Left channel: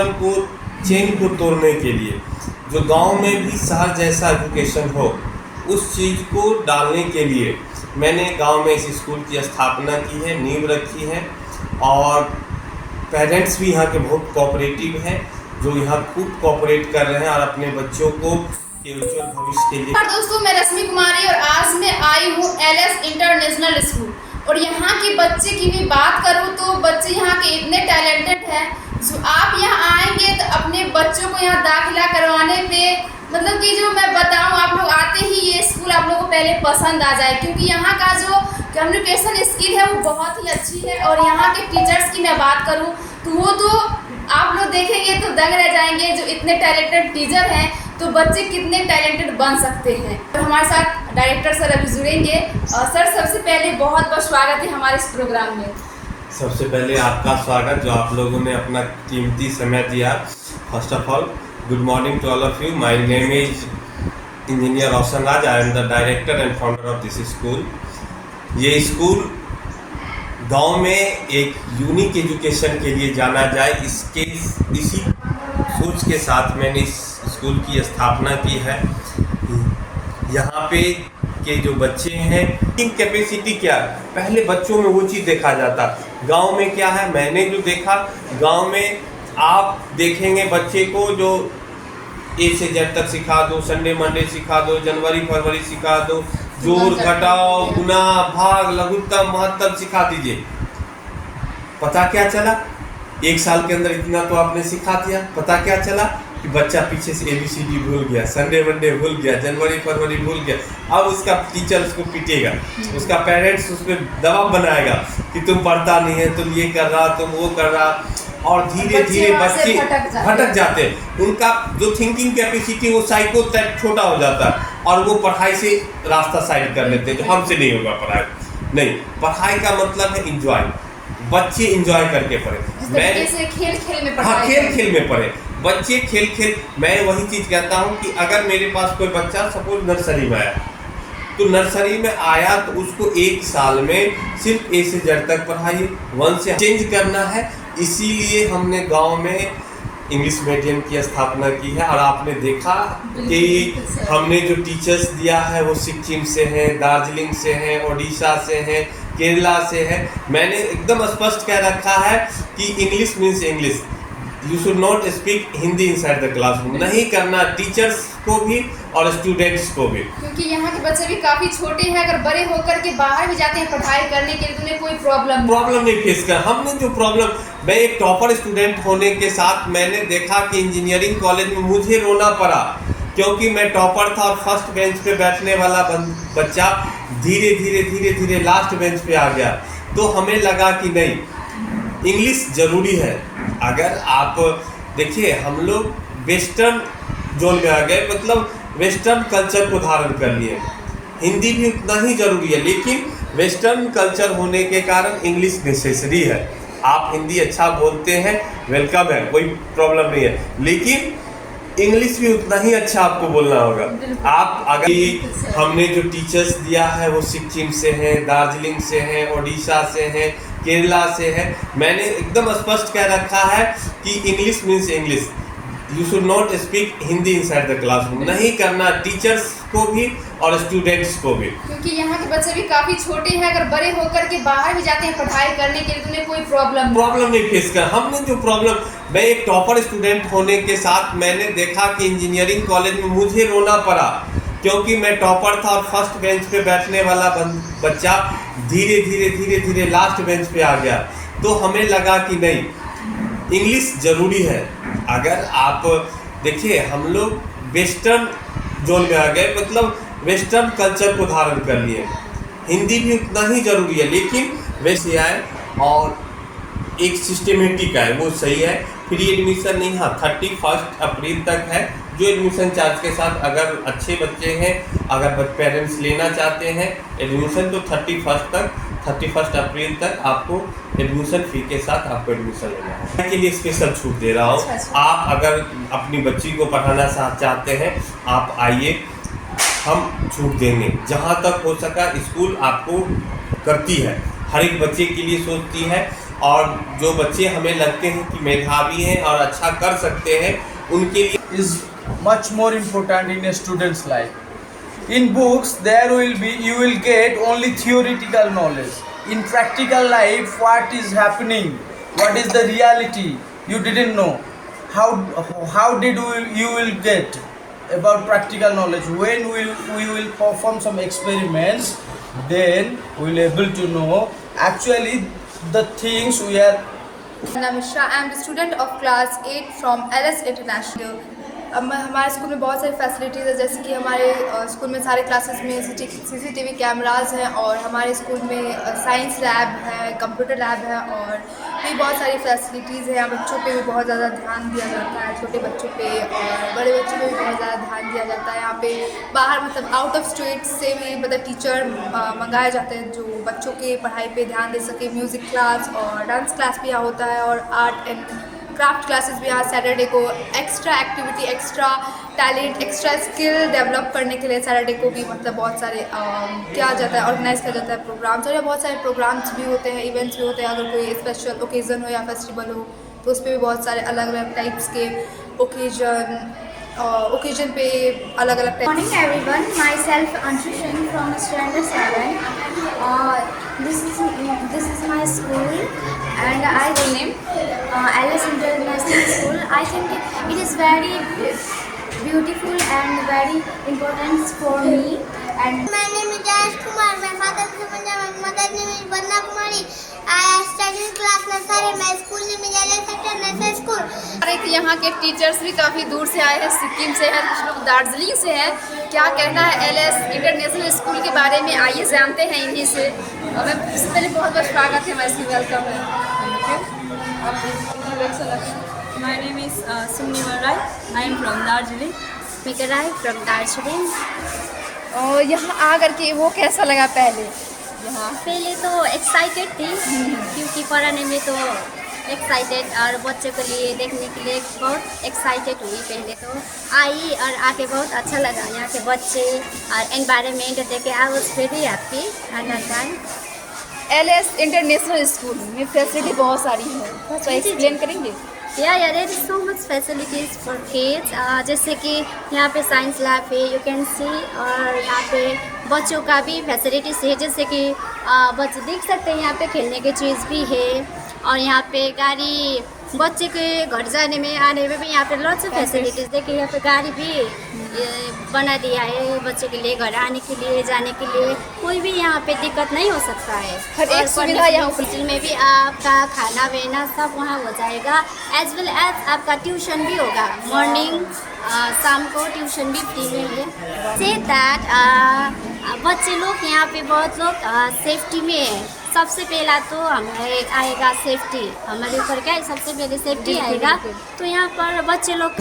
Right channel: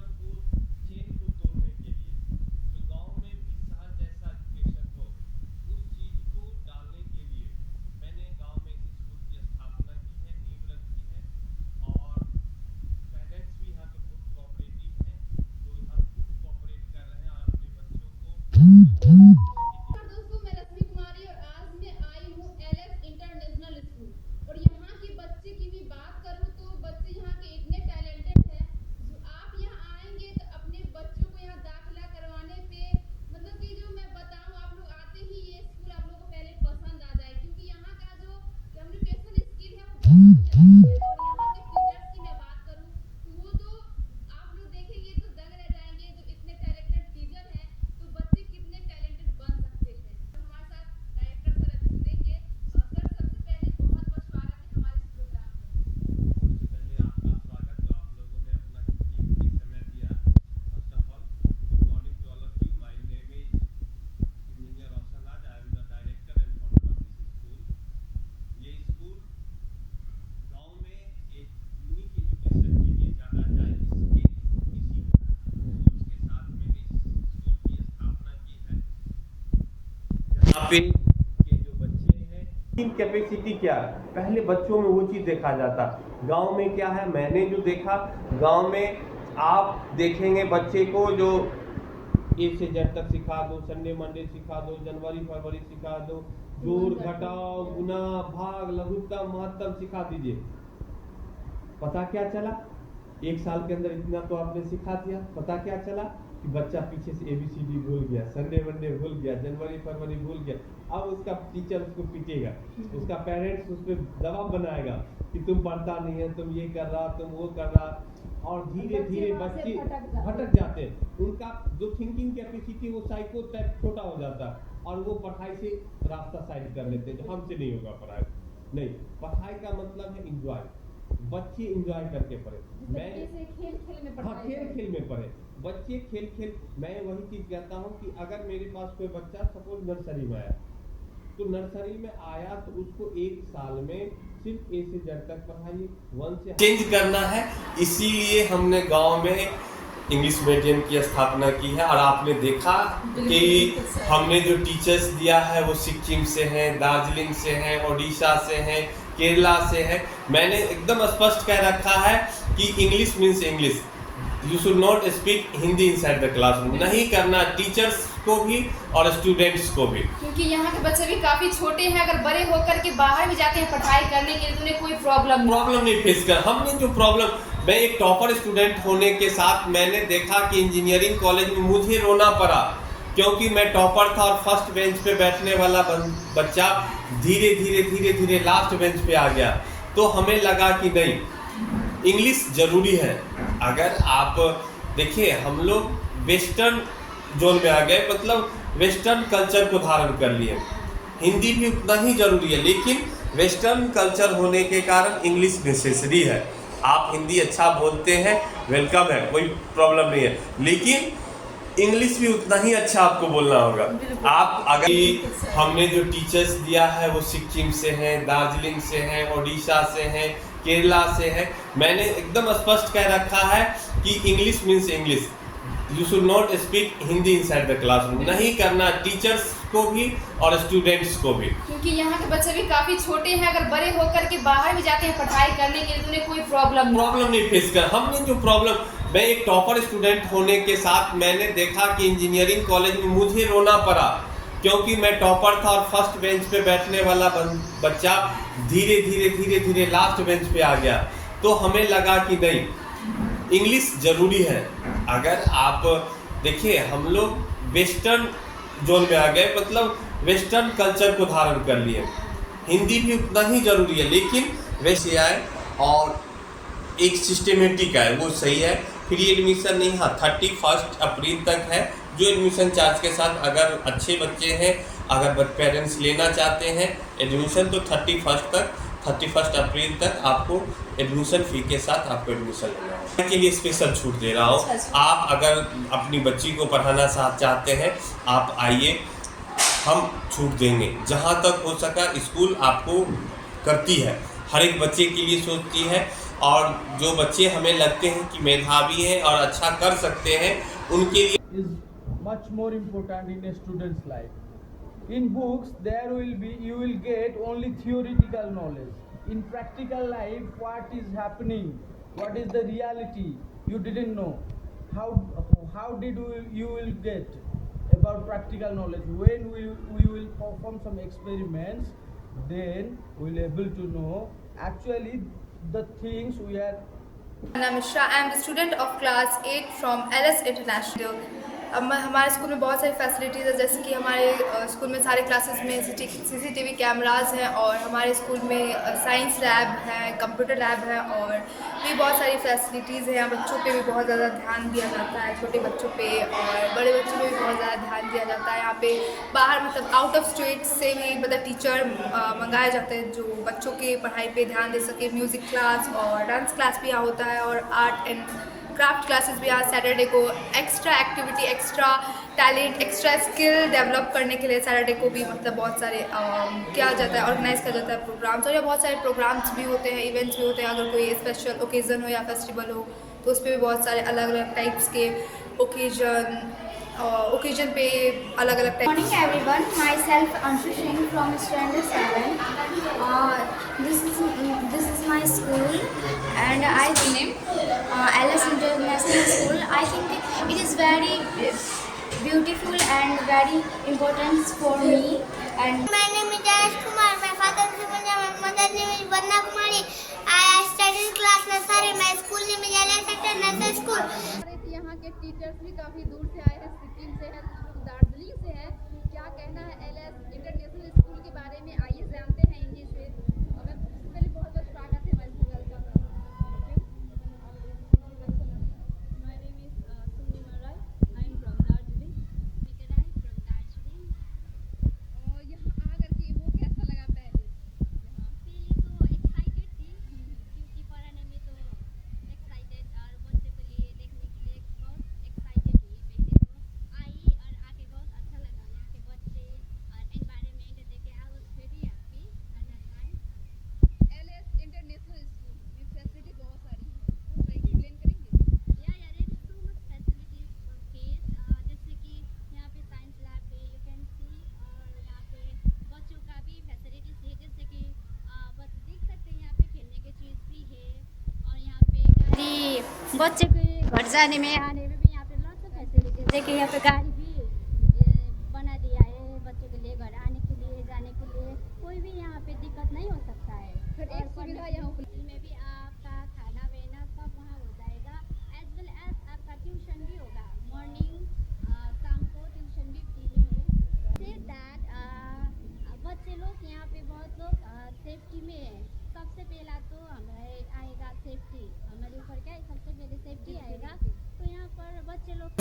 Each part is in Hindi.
सिस्टम को, चेन को तोड़ने के लिए, जो गांव में भी शहर जैसा एजुकेशन हो, उस चीज़ को डालने के लिए मैंने गांव में इस स्कूल की स्थापना की है, नींव रखी है। और पेरेंट्स भी यहाँ के बहुत कोऑपरेटिव हैं, जो यहाँ खूब कोऑपरेट कर रहे हैं और अपने बच्चों को उज्जवल भविष्य के लिए। दोस्तों, मैं रश्मि कुमारी और आज मैं आई हूँ एलएस इंटरनेशनल स्कूल। और यहाँ के बच्चे की भी बात करूँ तो बच्चे यहाँ के इतने टैलेंटेड हैं, जो आप यहाँ आएंगे तो अपने बच्चों को यहाँ दाखिला करवाने पे मतलब कि जो मैं बताऊँ, आप लोग आते ही ये स्कूल आप लोगों को पहले पसंद आ जाए, क्योंकि यहाँ का जो कम्युनिकेशन स्किल है वो बहुत ही अच्छी है। और यहाँ के टीचर्स की मैं बात करूँ तो वो तो आप लोग देखेंगे तो दंग रह जाएंगे, जो इतने टैलेंटेड टीचर हैं तो बच्चे कितने टैलेंटेड बन सकते हैं। और हमारे साथ डायरेक्टर सर अभी जुड़ेंगे। और सर, सबसे पहले बहुत बहुत स्वागत है हमारे इस प्रोग्राम में। सबसे पहले आपका स्वागत, जो आप लोगों ने अपना कीमती समय दिया। First of all, good morning to all of you. My name is engineer Roshan Raj. I am the director and founder of this school. ये स्कूल गांव में एक यूनिक एजुकेशन के लिए जाना जाए, इसी सोच के साथ मैंने इस स्कूल की स्थापना की है। यहाँ पे के जो बच्चे हैं, इनकी कैपेसिटी क्या है, पहले बच्चों में वो चीज़ देखा जाता। गांव में क्या है, मैंने जो देखा, गांव में आप देखेंगे बच्चे को जो ए से जेड तक सिखा दो, संडे मंडे सिखा दो, जनवरी फरवरी सिखा दो, जोड़ घटाओ, गुना भाग लघुत्तम महत्तम सिखा दीजिए। पता क्या चला, एक साल के अंदर इतना तो आपने सिखा दिया। पता क्या चला कि बच्चा पीछे से ABCD भूल गया, संडे मंडे भूल गया, जनवरी फरवरी भूल गया। अब उसका टीचर उसको पीटेगा, उसका पेरेंट्स उस पर दबाव बनाएगा कि तुम पढ़ता नहीं है, तुम ये कर रहा, तुम वो कर रहा। और धीरे धीरे बच्चे भटक जाते हैं। उनका जो थिंकिंग कैपेसिटी वो साइको टाइप छोटा हो जाता है और वो पढ़ाई से रास्ता साइड कर लेते हैं, जो हमसे नहीं होगा पढ़ाई। नहीं, पढ़ाई का मतलब है इंजॉय। बच्चे इंजॉय करके पढ़े। मैं खेल खेल में हाँ, खेल खेल में पढ़े बच्चे, खेल खेल। मैं वही चीज़ कहता हूँ कि अगर मेरे पास कोई बच्चा सपोज नर्सरी में आया, तो नर्सरी में आया तो उसको एक साल में सिर्फ A से Z तक पढ़ाइए, 1 से चेंज करना है। इसीलिए हमने गांव में इंग्लिश मीडियम की स्थापना की है। और आपने देखा कि हमने जो टीचर्स दिया है वो सिक्किम से हैं, दार्जिलिंग से हैं, उड़ीसा से हैं, केरला से है। मैंने एकदम स्पष्ट कह रखा है कि English means English, you should not speak Hindi inside the classroom. नहीं करना, टीचर्स को भी और स्टूडेंट्स को भी, क्योंकि यहाँ के बच्चे भी काफी छोटे हैं। अगर बड़े होकर के बाहर भी जाते हैं पढ़ाई करने के लिए तो उन्हें कोई प्रॉब्लम नहीं फेस कर। हमने जो प्रॉब्लम, मैं एक टॉपर स्टूडेंट होने के साथ मैंने देखा कि इंजीनियरिंग कॉलेज में मुझे रोना पड़ा, क्योंकि मैं टॉपर था और फर्स्ट बेंच पे बैठने वाला बच्चा धीरे धीरे धीरे धीरे लास्ट बेंच पे आ गया। तो हमें लगा कि नहीं, इंग्लिश ज़रूरी है। अगर आप देखिए, हम लोग वेस्टर्न जोन में आ गए, मतलब वेस्टर्न कल्चर को धारण कर लिए। हिंदी भी उतना ही ज़रूरी है, लेकिन वेस्टर्न कल्चर होने के कारण इंग्लिश नेसेसरी है। आप हिंदी अच्छा बोलते हैं, वेलकम है, कोई प्रॉब्लम नहीं है, लेकिन इंग्लिश भी उतना ही अच्छा आपको बोलना होगा। आप अगर हमने जो टीचर्स दिया है वो सिक्किम से हैं, दार्जिलिंग से हैं, उड़ीसा से हैं, केरला से है। मैंने एकदम स्पष्ट कह रखा है कि English means English, you should not speak Hindi inside the classroom. नहीं करना, टीचर्स को भी और स्टूडेंट्स को भी, क्योंकि यहाँ के बच्चे भी काफी छोटे हैं। अगर बड़े होकर के बाहर भी जाते हैं पढ़ाई करने के लिए तो उन्हें कोई प्रॉब्लम नहीं फेस कर। हमने जो प्रॉब्लम, मैं एक टॉपर स्टूडेंट होने के साथ मैंने देखा कि इंजीनियरिंग कॉलेज में मुझे रोना पड़ा, क्योंकि मैं टॉपर था और फर्स्ट बेंच पे बैठने वाला बच्चा धीरे धीरे धीरे धीरे लास्ट बेंच पे आ गया। तो हमें लगा कि नहीं, इंग्लिश ज़रूरी है। अगर आप देखिए, हम लोग वेस्टर्न जोन में आ गए, मतलब वेस्टर्न कल्चर को धारण कर लिए। हिंदी भी उतना ही ज़रूरी है, लेकिन वैसे आए और एक सिस्टमेटिक है, वो सही है। फ्री एडमिशन नहीं, हाँ 31 अप्रैल तक है, जो एडमिशन चार्ज के साथ। अगर अच्छे बच्चे हैं, अगर पेरेंट्स लेना चाहते हैं एडमिशन, तो 31 अप्रैल तक आपको एडमिशन फी के साथ आपको एडमिशन लेना है। के लिए स्पेशल छूट दे रहा हूँ। आप अगर अपनी बच्ची को पढ़ाना चाहते हैं, आप आइए, हम छूट देंगे। जहाँ तक हो सका स्कूल आपको करती है, हर एक बच्चे के लिए सोचती है और जो बच्चे हमें लगते हैं कि मेधावी हैं और अच्छा कर सकते हैं उनके लिए is much more important in a student's life. In books, you will get only theoretical knowledge. In practical life, what is happening? What is the reality? You didn't know. How did you will get about practical knowledge? When we will perform some experiments, then we will able to know actually the things we are. Namisha, I am the student of class 8 from LS International. अब हमारे स्कूल में बहुत सारी फैसिलिटीज़ है, जैसे कि हमारे स्कूल में सारे क्लासेस में CCTV कैमराज हैं और हमारे स्कूल में साइंस लैब है, कंप्यूटर लैब है और भी बहुत सारी फैसिलिटीज़ हैं। यहाँ बच्चों पे भी बहुत ज़्यादा ध्यान दिया जाता है, छोटे बच्चों पे और बड़े बच्चों पे भी बहुत ज़्यादा ध्यान दिया जाता है। यहाँ पे बाहर मतलब आउट ऑफ स्टेट से भी मतलब टीचर मंगाए जाते हैं जो बच्चों के पढ़ाई पे ध्यान दे सके। म्यूज़िक क्लास और डांस क्लास भी यहाँ होता है और आर्ट एंड क्राफ्ट क्लासेस भी यहाँ सैटरडे को extra activity, extra talent, extra skill develop करने के लिए सैटरडे को भी मतलब बहुत सारे किया जाता है, ऑर्गेनाइज किया जाता है प्रोग्राम्स। और बहुत सारे प्रोग्राम्स भी होते हैं, इवेंट्स भी होते हैं। अगर कोई स्पेशल ओकेज़न हो या फेस्टिवल हो तो उस पर भी बहुत सारे अलग अलग टाइप्स के ओकेजन पे अलग अलग type. Morning everyone, myself Anshu Singh from standard 7. This is my school and I Alice International School. I think it is very beautiful and very important for me. And my name is Jayesh Kumar. My father's name is Jaman. Mother's name is Vanna Kumari. I study in class nursery. My school name is Alice International School. यहाँ के टीचर्स भी काफ़ी दूर से आए हैं, सिक्किम से हैं, कुछ लोग दार्जिलिंग से हैं। क्या कहना है LS इंटरनेशनल स्कूल के बारे में, आइए जानते हैं इन्हीं से। और मैं इससे पहले बहुत बहुत स्वागत है, मैं इसकी वेलकम है। My name is Sumni Rai. I am from Darjeeling. Mikarai from Darjeeling. और यहाँ आकर के वो कैसा लगा पहले? पहले तो एक्साइटेड थी क्योंकि पढ़ाने में तो एक्साइटेड और बच्चों के लिए देखने के लिए बहुत एक्साइटेड हुई। पहले तो आई और आके बहुत अच्छा लगा यहाँ के बच्चे और एनवायरनमेंट देख के I was very happy at that time. LS international school में फैसिलिटी बहुत सारी है, तो एक्सप्लेन करेंगे? Yeah there is so much facilities for kids. जैसे कि यहाँ पे साइंस लैब है, यू कैन सी, और यहाँ पे बच्चों का भी फैसिलिटीज़ है, जैसे कि बच्चे देख सकते हैं यहाँ पे खेलने की चीज़ भी है और यहाँ पे गाड़ी बच्चे के घर जाने में आने में भी यहाँ पे लॉट्स ऑफ फैसिलिटीज़। देखिए यहाँ पे गाड़ी भी बना दिया है बच्चे के लिए, घर आने के लिए जाने के लिए कोई भी यहाँ पे दिक्कत नहीं हो सकता है। हर एक सुविधा यहाँ हॉस्टल में भी आपका खाना पीना सब वहाँ हो जाएगा, एज वेल एज आपका ट्यूशन भी होगा। मॉर्निंग शाम को ट्यूशन भी फ्री में है। से दैट बच्चे लोग यहाँ पे बहुत लोग सेफ्टी में है। सबसे पहला तो हमें आएगा सेफ्टी, हमारे ऊपर क्या है, सबसे पहले सेफ्टी आएगा। तो यहाँ पर बच्चे लोग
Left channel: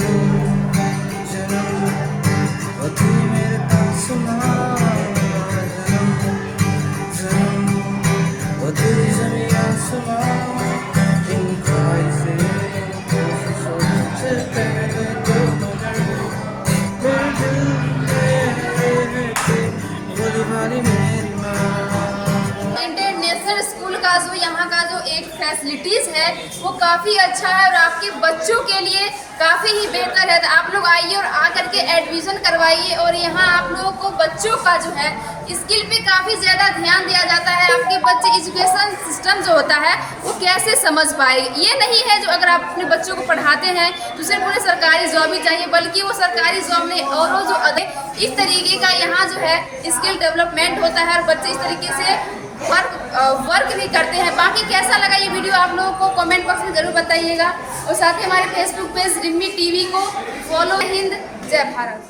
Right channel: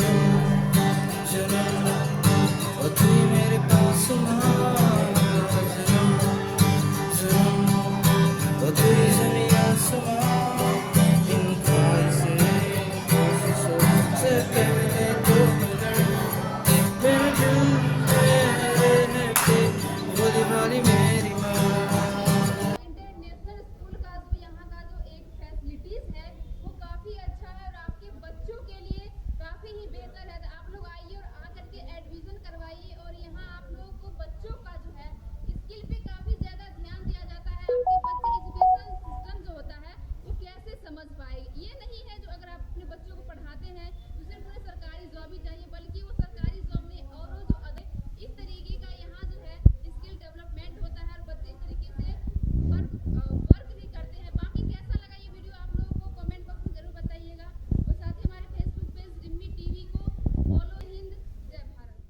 जो यहाँ का जो एक फैसिलिटीज़ है वो काफ़ी अच्छा है और आपके बच्चों के लिए काफ़ी ही बेहतर है। तो आप लोग आइए और आकर के एडमिशन करवाइए और यहाँ आप लोगों को बच्चों का जो है स्किल पे काफ़ी ज़्यादा ध्यान दिया जाता है। आपके बच्चे एजुकेशन सिस्टम जो होता है वो कैसे समझ पाएंगे, ये नहीं है जो अगर आप अपने बच्चों को पढ़ाते हैं तो सिर्फ उन्हें सरकारी जॉब ही चाहिए, बल्कि वो सरकारी जॉब में और वो जो इस तरीके का यहाँ जो है स्किल डेवलपमेंट होता है और बच्चे इस तरीके से वर्क भी करते हैं। बाकी कैसा लगा ये वीडियो आप लोगों को कमेंट बॉक्स में ज़रूर बताइएगा और साथ ही हमारे फेसबुक पेज रिम्मी टीवी को फॉलो। हिंद, जय भारत।